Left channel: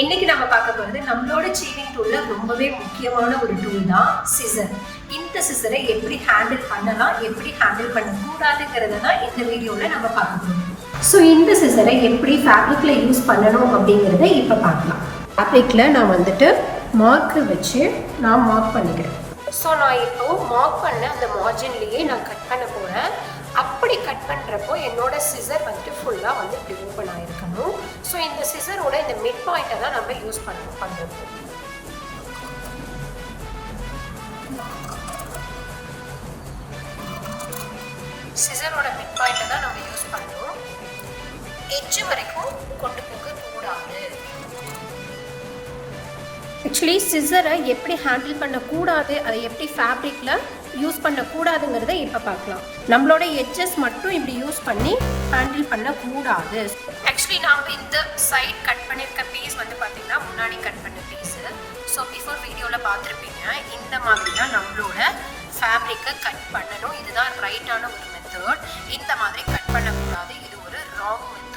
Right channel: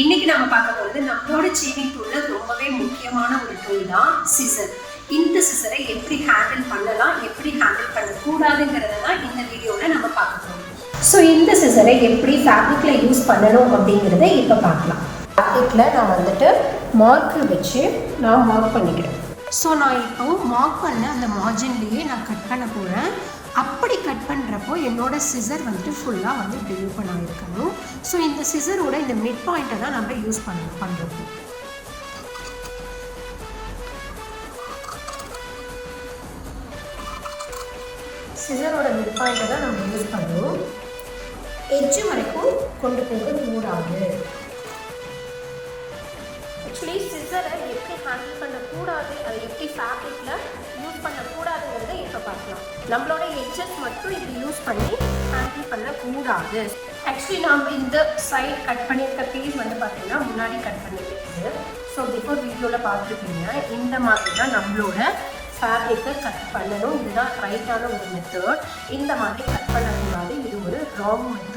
இன்னைக்கு நம்ம பார்க்க போகிறது நம்மளோட சேவிங் டூல்ல ரொம்பவே முக்கியமான ஒரு டூல் தான் சிசர். இந்த சிசரை எப்படி ஹேண்டில் பண்ணலாம், எப்படி ஹேண்டில் பண்ணக்கூடாதுங்கிறத தான் இந்த வீடியோவில் நம்ம பார்க்க போகிறோம். ஸோ இந்த சிசரை எப்படி ஃபேப்ரிக்கில் யூஸ் பண்ணணும் அப்படிங்கிறத இப்போ பார்க்கலாம். ஃபேப்ரிக்கில் நான் மார்க்கு வச்சு நான் மார்க் பண்ணிக்கிறேன். ஸோ நான் இப்போது மார்க் பண்ண அந்த மார்ஜின்லேயே நான் கட் பண்ண போகிறேன். அப்படி கட் பண்ணுறப்போ என்னோட சிசர் ஃபுல்லாக இப்படி ஓப்பன் ஆகிருக்கணும். ஸோ இந்த சிசரோட இந்த மிட் பாயிண்ட்டை தான் நம்ம யூஸ் பண்ணுறோம். சிசரோட மிட் பாயிண்ட்டை தான் நம்ம யூஸ் பண்ணுறோம். எட்ஜு வரைக்கும் கொண்டு போக கூடாது. ஆக்சுவலி சிசரை எப்படி ஹேண்டில் பண்ணக்கூடாது, அதை எப்படி ஃபேப்ரிக்கில் யூஸ் பண்ணக்கூடாதுங்கிறத இப்போ பார்க்கலாம். நம்மளோட எட்ஜஸ் மட்டும் இப்படி யூஸ் பண்ணி ஹேண்டில் பண்ணக்கூடாது. ஆக்சுவலி நம்ம இந்த சைட் கட் பண்ணியிருக்க பீஸ் பார்த்திங்கன்னா முன்னாடி கட் பண்ண பீஸு. ஸோ பிஃபோர் வீடியோவில் பார்த்துருப்பீங்க. இந்த மாதிரி தான் நம்மளோட ஃபேப்ரிக்கை கட் பண்ணணும். இதுதான் ரைட்டான ஒரு மெத்தட். இந்த மாதிரி கட் பண்ணக்கூடாது, இது ஒரு ராங் மெத்தட்.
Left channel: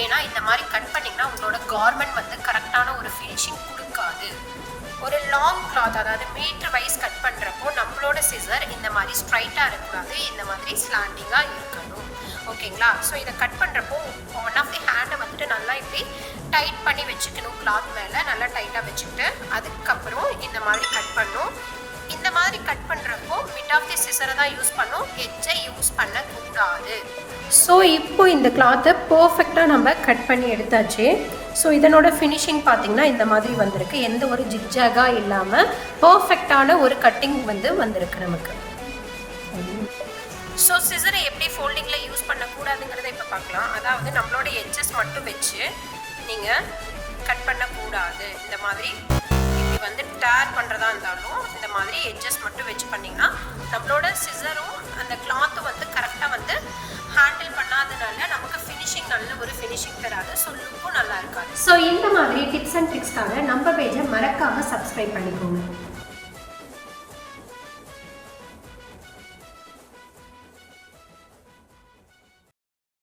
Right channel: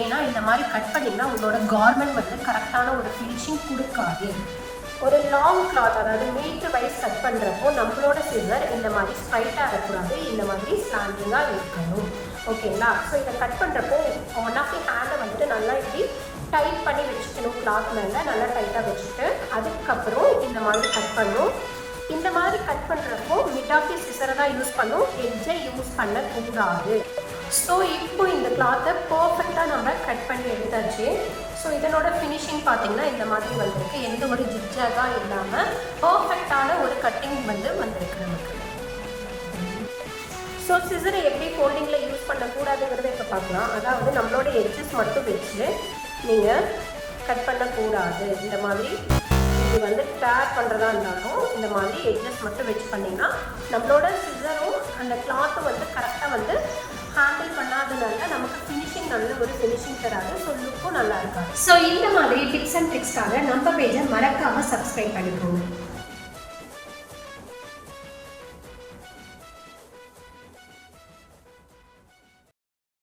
ஏன்னா இந்த மாதிரி கட் பண்ணிங்கன்னா உங்களோட கார்மெண்ட் கரெக்டான ஒரு ஃபினிஷிங் கொடுக்காது. ஒரு லாங் கிளாத், அதாவது மீட்டர் வைஸ் கட் பண்ணுறப்போ நம்மளோட சிசர் இந்த மாதிரி ஸ்ட்ரைட்டாக இருக்கக்கூடாது, இந்த மாதிரி ஸ்லாண்டிங்காக இருக்கணும். ஓகேங்களா? ஸோ இதை கட் பண்ணுறப்போ ஒன் ஆஃப் தி ஹேண்டை நல்லா இப்படி டைட் பண்ணி வச்சுக்கணும். கிளாத் மேலே நல்லா டைட்டாக வச்சுக்கிட்டு அதுக்கப்புறம் இந்த மாதிரி கட் பண்ணணும். இந்த மாதிரி கட் பண்ணுறப்போ மிட் ஆஃப் தி சிசரை தான் யூஸ் பண்ணணும், எட்ஜை யூஸ் பண்ணக்கூடாது. ஸோ இப்போ இந்த கிளாத்தை பர்ஃபெக்டாக நம்ம கட் பண்ணி எடுத்தாச்சு. ஸோ இதனோட ஃபினிஷிங் பார்த்திங்கன்னா இந்த மாதிரி வந்திருக்கு. எந்த ஒரு ஜிக்ஜாகாக இல்லாமல் பர்ஃபெக்டான ஒரு கட்டிங் வந்திருக்கு நமக்கு. ஸோ சிசரை எப்படி ஃபோல்டிங்கில் யூஸ் பண்ணக்கூடாதுங்கிறத இப்போ பார்க்கலாம். அதாவது நம்மளோட எட்ஜஸ் மட்டும் வச்சு நீங்கள் கட் பண்ணக்கூடாது. இந்த மாதிரி இது டேர் பண்ணுறதா இருந்தாலும் இந்த மாதிரி எட்ஜஸ் மட்டும் வச்சு பண்ணிங்கன்னா நம்மளோட சிசரும் அந்த கிளாத்தும் கரெக்டாக ஹேண்டில் பண்ணாதனால நமக்கு ஃபினிஷிங் நல்ல ஒரு ஃபினிஷிங் தராது. ஸோ லுக்கும் நல்லா இருக்காது. ஸோ இந்த மாதிரி டிப்ஸ் அண்ட் ட்ரிக்ஸ்க்காக நம்ம பேஜை மறக்காமல் சப்ஸ்கிரைப் பண்ணிக்கோங்க.